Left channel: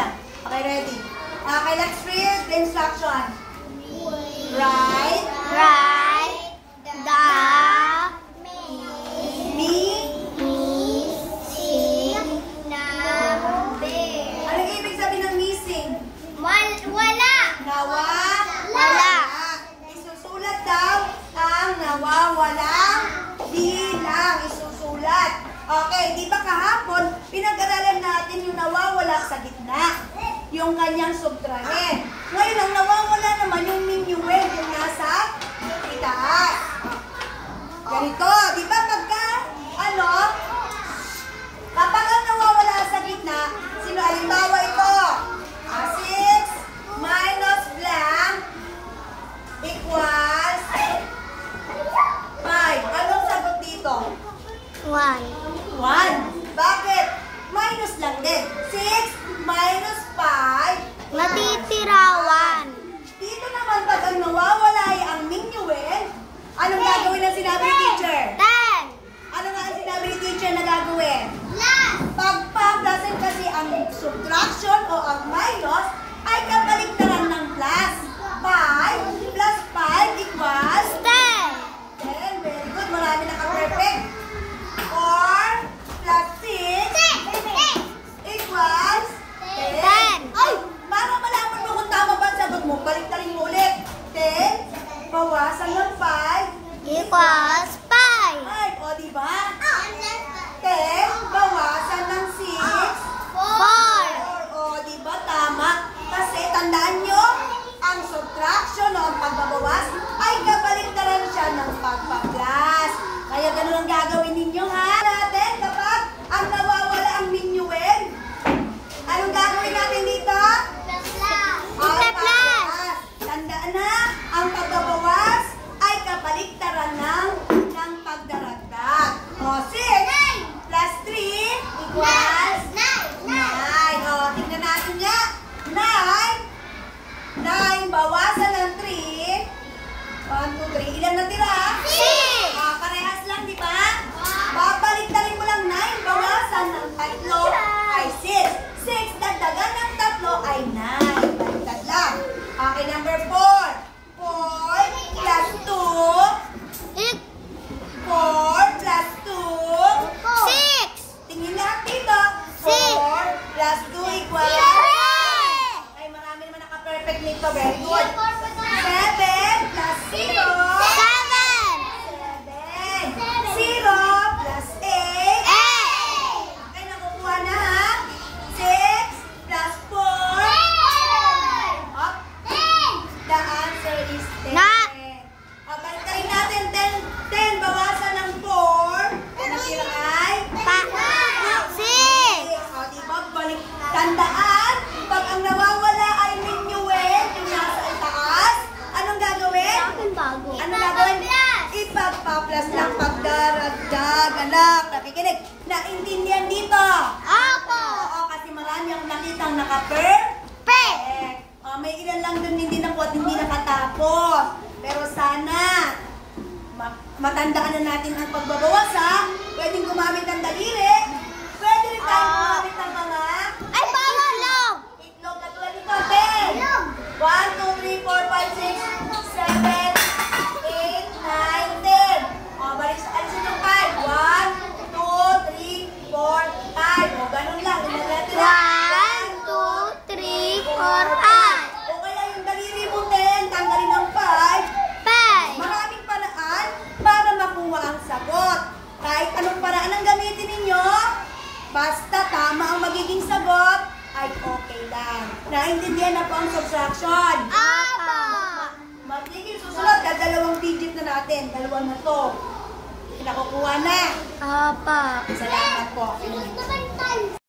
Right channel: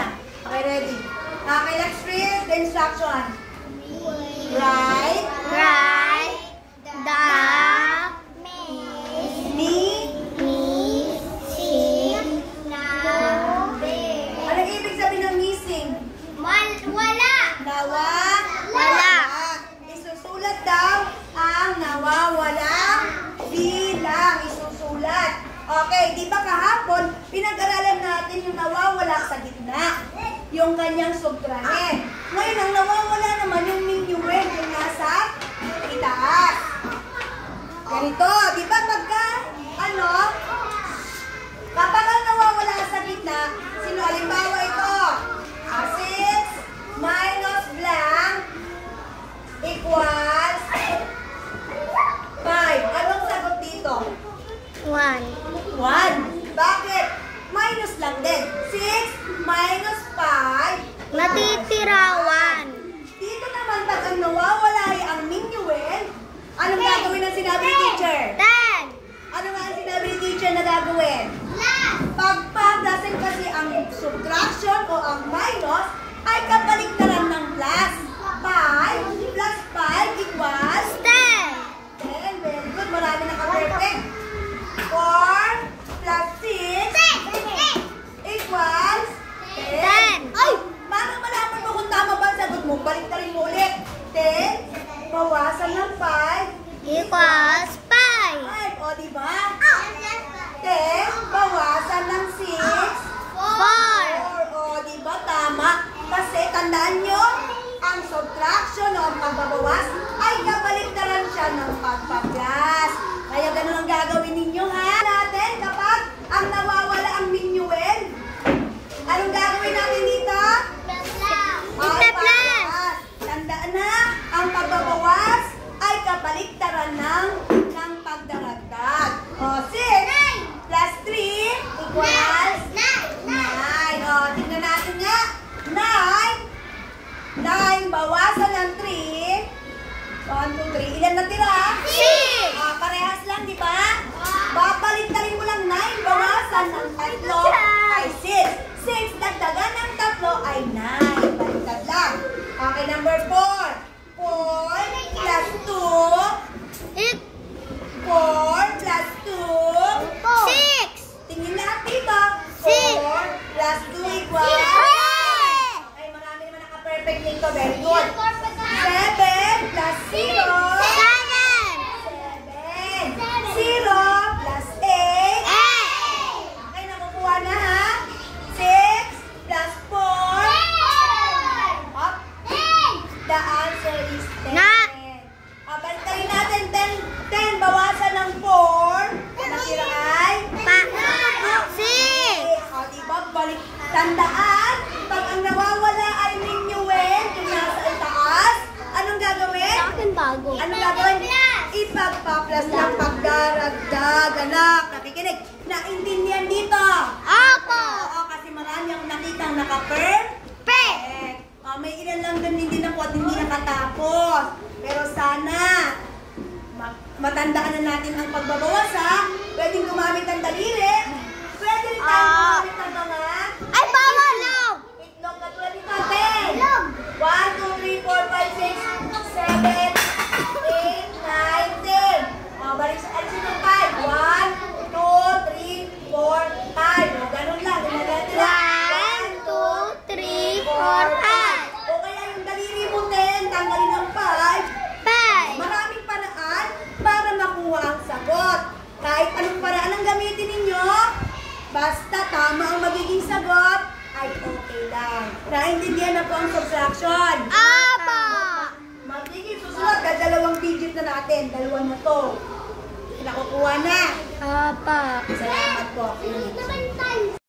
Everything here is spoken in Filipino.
na. Okay, ready? Okay, let's read the instruction. Write the missing number. Anong ibig sabihin ng missing? Wala. Nawawala. Isusulat daw ang nawawalang bilang. Isusulat. Okay, di ba kahapon, pinag-aralan natin yung nawawala sa gitna. Yung kanyang subtrahen. Ngayon, ang nawawala naman yung minuend, yung nasa itaas. Ganito, di ba pagka, kapag ang nawawala sa gitna, sino halimbawa ito? 6 minus blank equals 5. Anong sagot dito? 1. 1. Bakit? Minus lang din. 6 minus 5. Matitira 1. Dito naman pag ang nawawala ay ang minuend, anong gagawin ng sinabi ni teacher? 10. Ano nga ang sinabi ni teacher na gagawin? Pagpadasin kasi ang subtraction o ang minus ay kabaliktaran ng plus. 5 plus 5 equals 10. 10. Very good. Marami naka-perfect. 4 plus 6 equals 10. 10. Ay! Para malaman mo kung tama ba ang sagot mo, baliktarin mo ulit. 10 bawasan ng 5 Equals 5. 5. O, diba? 10 bawasan ng 6 4. O, diba? Tama. Kasi tandaan nyo, ang subtraction o ang pagbabawas ay kabaliktaran siya ng pagpa-plus. Kaya ganun ang gagawin ninyo, ha? Natin kapag ang nawawala ang minuend, anong gagawin natin dito? Ita-plus. Tandaan na, ang pagbabawas ay kabaliktaran ng pagdaragdag. O, 6 plus 3 equals 9. O, tignan natin nga. 9 bawasan ng 3. 1, 2, 3. Ilan na tira? 6. Parehas lang, di ba? Babaliktarin mo lang 9 bawasan ng 3 ay 6. 6 dagdagan ng 3 ay 9. Baliktad lang. Okay, number 4. 4 plus 2. 4 plus 2. 6. Tingin lahat dito. 4 plus 2 equals. Ay, marami naman naka-perfect nito. Very good. 7 plus 0. 7. 0 plus 8. Okay, nakukuha na, ha? 6 plus 4. Up. The answer is 10. Baliktarin natin 10 bawasan ng 4. Natira ay 6. O, diba? Tandaan, pag ang nawawala ay minuend, yung nasa itaas, anong gagawin? Anong gagawin? Ipagpa-plus ng pagdaragdag. Anak, nakikinig. Naintindihan dito? Opo. Oo, kasi marami akong nakitang naka-perfect. May ilan lang dun hindi na po at hindi nakatapos. Pero sana, matandaan na natin ang pagbabawas, ha? Pwedeng gumamit ng daliri. Pwede rin tayo gumamit ng mga Ay, bawal lang. itlog na tulad nito. 10. 1, 2, 3, 4, 5, 6, 7, 8, 9, 10. O, balik sa alisin ng 5. 1, 2, 3, 4, 5. O, ganun lang. 1, 2, 3, 4, 5. O kaya yung daliri mo 10, tanggalin ng 5. 5. Maraming paraan para makuha ang sagot. Kahit anong paraan ang gamitin ninyo, basta tama ang magiging sagot, ay okay lang. Naintindihan na po ang subtraction. Opo. Magiging susunod, dalawang digit na natin. Dalawang na to. Nakukuha na. Opo. Salamat po.